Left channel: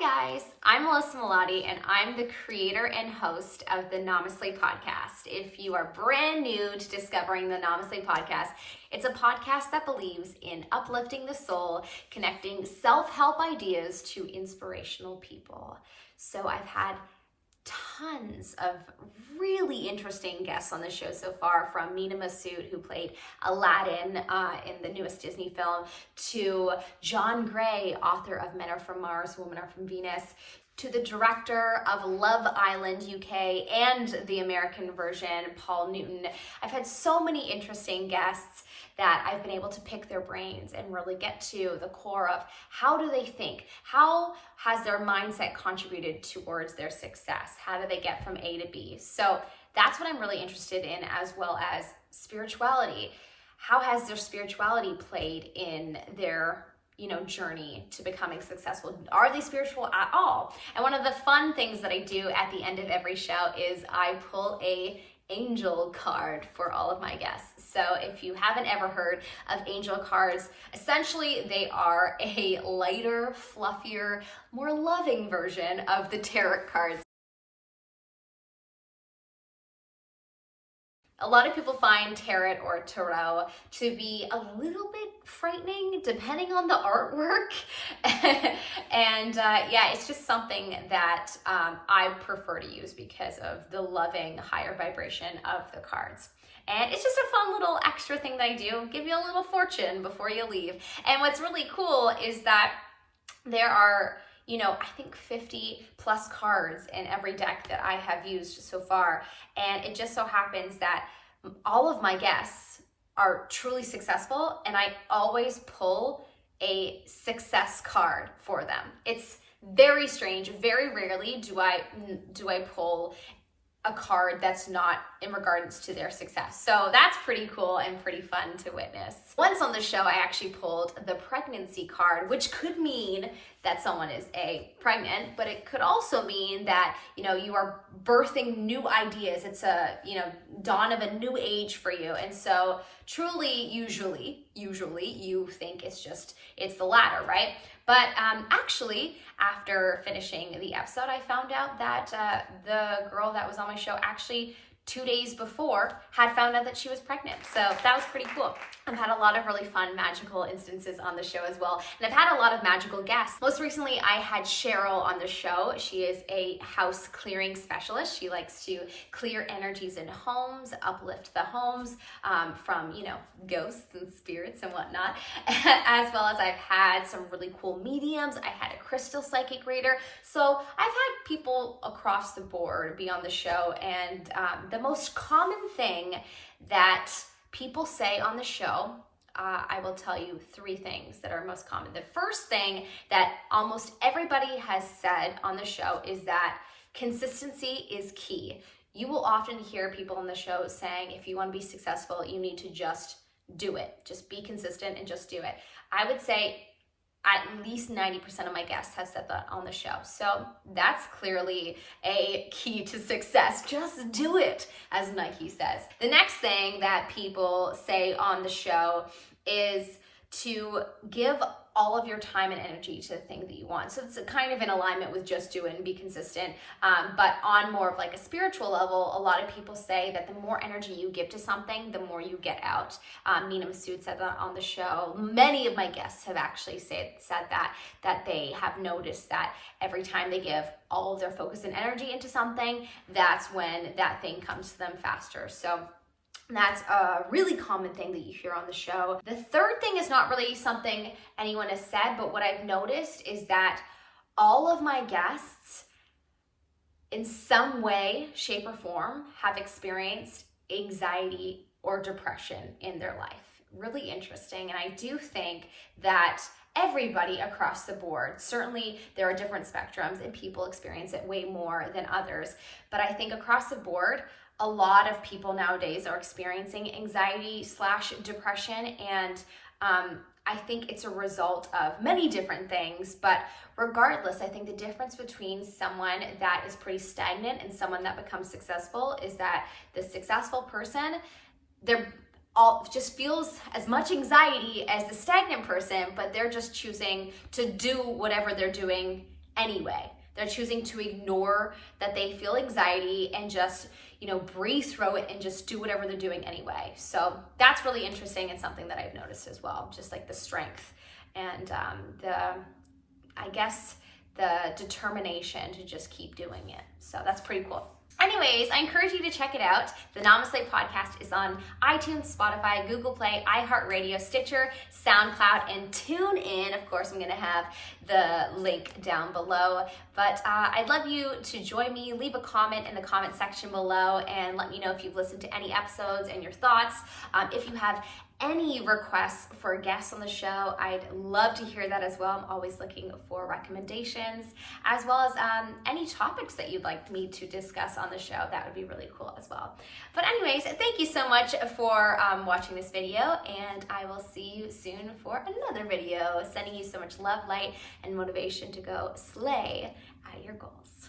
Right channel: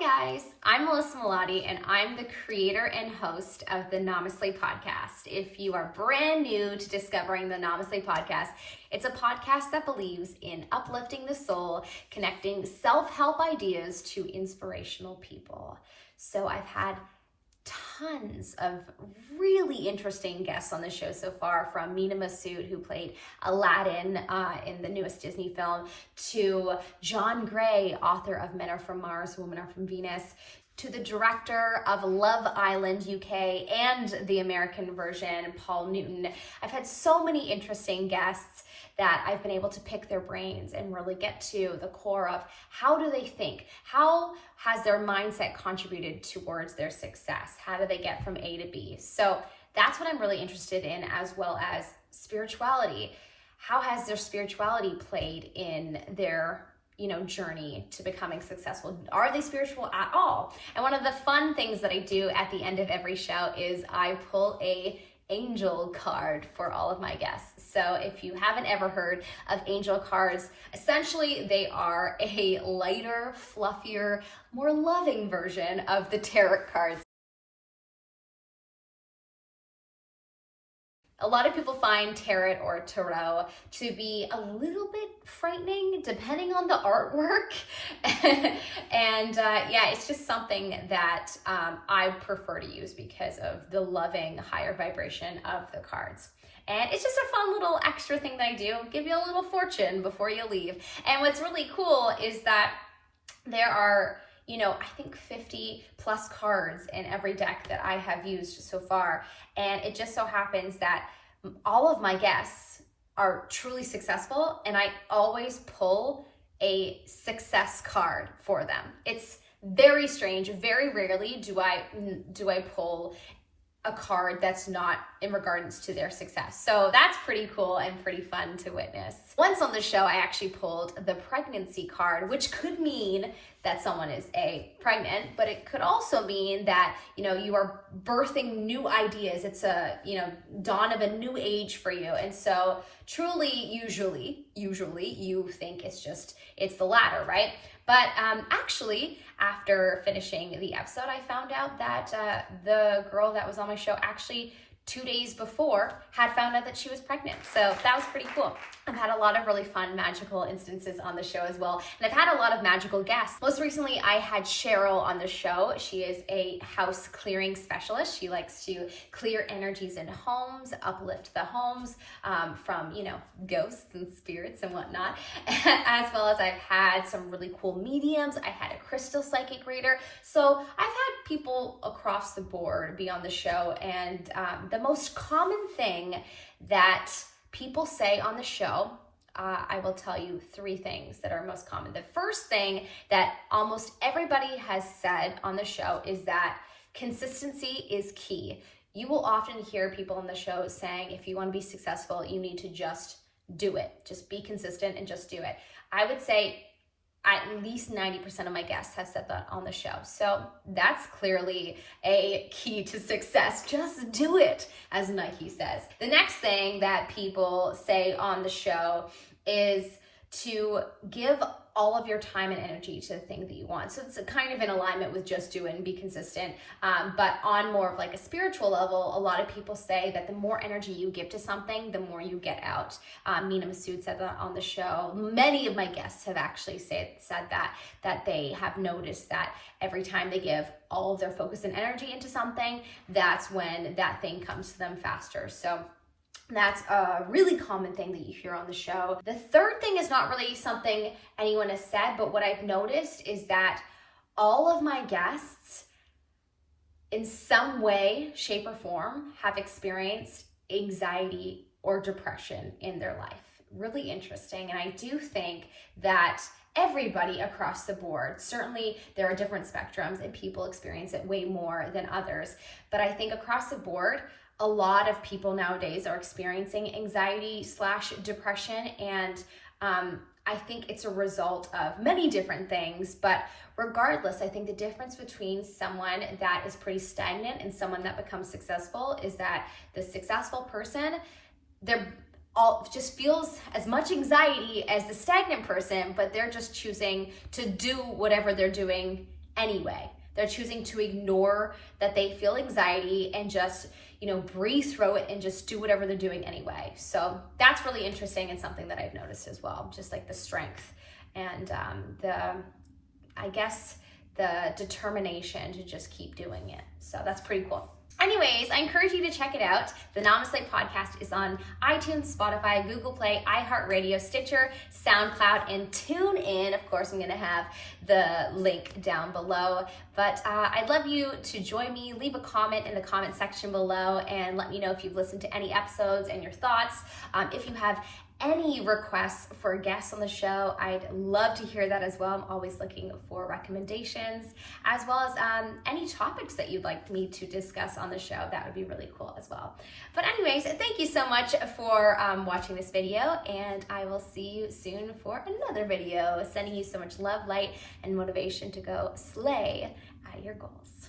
guys, I'm Melissa Melati and I'm the creator and host of the NamaSLAY Podcast. If you are brand new to discovering the NamaSLAY Podcast, it's a podcast that believes in uplifting the soul, connecting self-help ideas to inspirational people. So I've had tons of really interesting guests on the show so far, from Mina Massoud, who played Aladdin in the newest Disney film, to John Gray, author of Men Are From Mars, Women Are From Venus, to the director of Love Island UK and the American version, Paul Newton. I've had so many interesting guests that I've been able to pick their brains and really get to the core of how do they think? How has their mindset contributed towards their success? How do they get from A to B? So that's what I'm really interested in, as well as spirituality. How has their spirituality played in their journey to becoming successful? Are they spiritual at all? And one of the fun things that I do at the end of every show is I pull a angel card for all of my guests. So if you haven't ever heard of angel cards, essentially they are a lighter, fluffier, more loving version of the tarot cards. A lot of people find tarot or tarot to be a little bit frightening depending on the artwork. It's just something that I prefer to use because of the loving, higher vibration of the cards. And it's just a fun little extra thing that I do, give you a little fortune before you leave. And what's really cool is that there are, I think 50 plus cards in every deck that I have used so far. And it just so happens that all of my guests are truly successful, and I always pull a success card for them. It's very strange. Very rarely do I pull a card that's not in regards to their success. So that's pretty cool and pretty fun to witness. Once on the show, I actually pulled the pregnancy card, which could mean that someone is pregnant, but it could also mean that, you are birthing new ideas. It's a, dawn of a new age for you. And so truly, usually you think it's the latter, right? But actually, after finishing the episode, I found out that the girl that was on my show actually 2 days before had found out that she was pregnant. So that was pretty cool. I've had a lot of really fun magical instances on the show as well. And I've had a lot of magical guests. Most recently, I had Cheryl on the show. She is a house clearing specialist. She likes to clear energies in homes, uplift the homes from, ghosts and spirits and whatnot. As well as I've had some really cool mediums. I had a crystal psychic reader. So I've had people across the board be on the show. And the most common thing that people say on the show, I will tell you 3 things that are most common. The first thing that almost everybody has said on the show is that consistency is key. You will often hear people on the show saying, if you want to be successful, you need to just do it. Just be consistent and just do it. I would say at least 90% of my guests have said that on the show. So that's clearly a key to success. Just do it, as Nike says. The next thing that people say on the show is to give all of your time and energy to the thing that you want. So it's kind of in alignment with just do it and be consistent. But on more of like a spiritual level, a lot of people say that the more energy you give to something, the more you get out. Mina Massoud said that on the show. Many of my guests have actually said that they have noticed that every time they give all of their focus and energy into something, that's when that thing comes to them faster. So that's a really common thing that you hear on the show. The third thing is not really something anyone has said, but what I've noticed is that all of my guests, in some way, shape, or form, have experienced anxiety or depression in their life. Really interesting. And I do think that everybody across the board, certainly there are different spectrums and people experience it way more than others, but I think across the board, a lot of people nowadays are experiencing anxiety/depression, and I think it's a result of many different things, but regardless, I think the difference between someone that is pretty stagnant and someone that becomes successful is that the successful person, they're all just feels as much anxiety as the stagnant person, but they're just choosing to do whatever they're doing anyway. They're choosing to ignore that they feel anxiety and just, breathe through it and just do whatever they're doing anyway. So that's really interesting and something that I've noticed as well, just like the strength and the determination to just keep doing it. So that's pretty cool. Anyways, I encourage you to check it out. The NamaSLAY Podcast is on iTunes, Spotify, GooglePLAY, iHeartradio, Stitcher, SoundCloud, and Tunein. Of course, I'm going to have the link down below. But I'd love you to join me. Leave a comment in the comment section below and let me know if you've listened to any episodes and your thoughts. If you have any requests for guests on the show, I'd love to hear that as well. I'm always looking for recommendations, as well as any topics that you'd like me to discuss on the show. That would be really cool as well. But anyways, thank you so much for watching this video, and I will see you soon for another video. Sending you so much love, light, and motivation to go slay your goals.